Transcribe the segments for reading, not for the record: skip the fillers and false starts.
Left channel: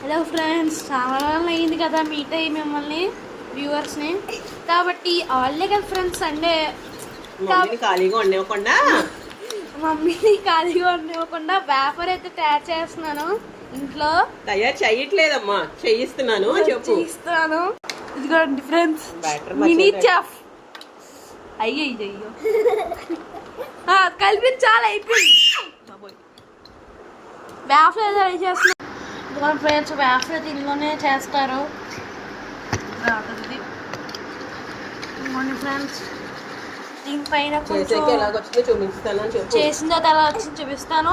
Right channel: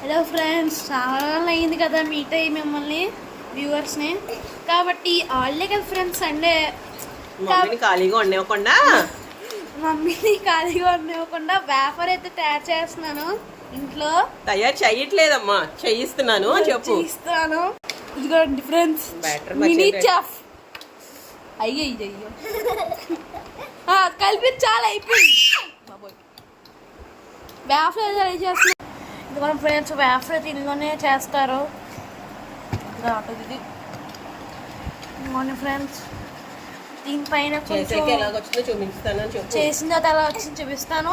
Hello friends, చాలా రోజులు అయింది కదా మీట్ అయ్యి మిమ్మల్ని వ్యూవర్స్ని. కాబట్టి ఆల్డే కదా ఫ్రెండ్స్ సండే. ఖాళీగా ఉండేవకుండా మమ్మీని ఖాళీగా ఉండేవకుండా వేఫర్ అయితే తయారు చేస్తున్నాను ఇంట్లో. తయారు చేయట్లేదమ్మా, చేయిస్తున్నాను. చేయిస్తున్నాను. ఇదిగోండి ఫ్రెండ్స్, మినీ చెఫ్. అయ్యో కలిపి చాలా అయిపోయింది. వేఫర్ ట్రై చేస్తున్నాను. ఇదిగోండి ఫ్రెండ్స్, వేఫర్ దీనిలోనే చేస్తారు. ఇదిగోండి ఫ్రెండ్స్, దీనిపైన చేసిన తర్వాత ఎలా వచ్చింది చూపిస్తాను.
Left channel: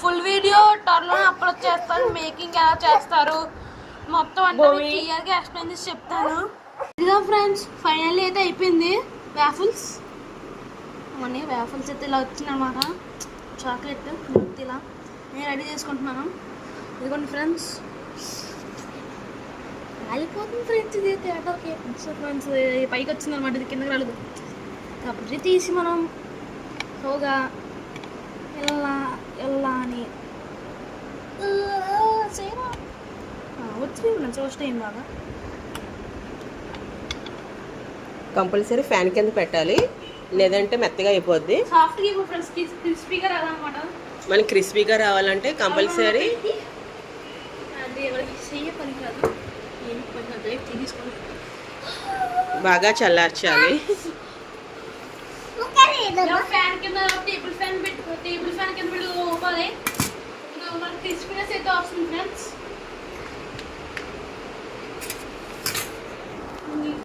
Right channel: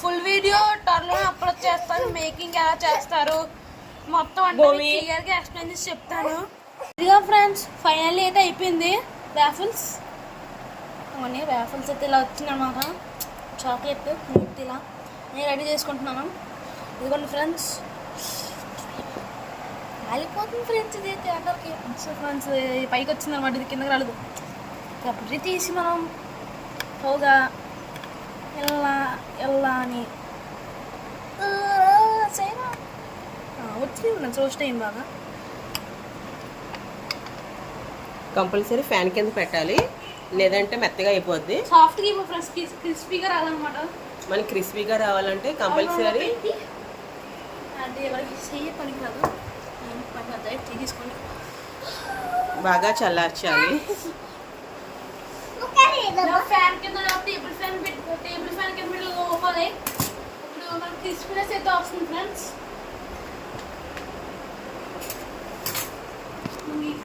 ఫుల్ వీడియో త్వరలోనే అప్లోడ్ చేస్తాను. మేకింగ్ ఎలా చేస్తారు మొత్తం అంటే క్లియర్గా ఎక్స్ప్లెయిన్ చేసి చెప్తాను. ఇదిగో ఫ్రెండ్స్, ఫైనల్లీ అయితే అయిపోయింది వేఫల్స్. అవన్నీ వేఫల్స్ అయితే ఇలా వచ్చిందనమాట. చాక్లెట్ మిల్క్ ఇలా నేను రెడీ చేసుకుంటున్నాను. ఇదిగోండి ఫ్రెండ్స్, కాలిపోతుంది ఫ్రెండ్స్. ఇది అయితే ఎక్కడికి సో ఫ్రెండ్స్ పైకి వచ్చిందనమాట, ఇది కిందకి రాలేదు. కాబట్టి తీసి మనం హోగా ఎలా అని వచ్చింది ఫ్రెండ్స్. రోస్ట్ అయింది బాగా. కంపల్సరీ ఫ్యాన్ కింద పెట్టాలి, లేదంటే మెత్తగా అయిపోద్ది. సాఫ్ట్గా అయిపో ఫ్రెండ్స్, క్రిస్పీగా రావాలన్నమాట. మనకి క్రిస్పీగా రావాలంటే కంపల్సరీ బాగా చల్లార్చాలి. ఫ్యాన్ కింద టేబుల్ ఫ్యాన్ కింద పెట్టుకోవాలి. ఇప్పుడు మనకి క్రిస్పీనెస్ అయితే వస్తుంది ఫ్రెండ్స్.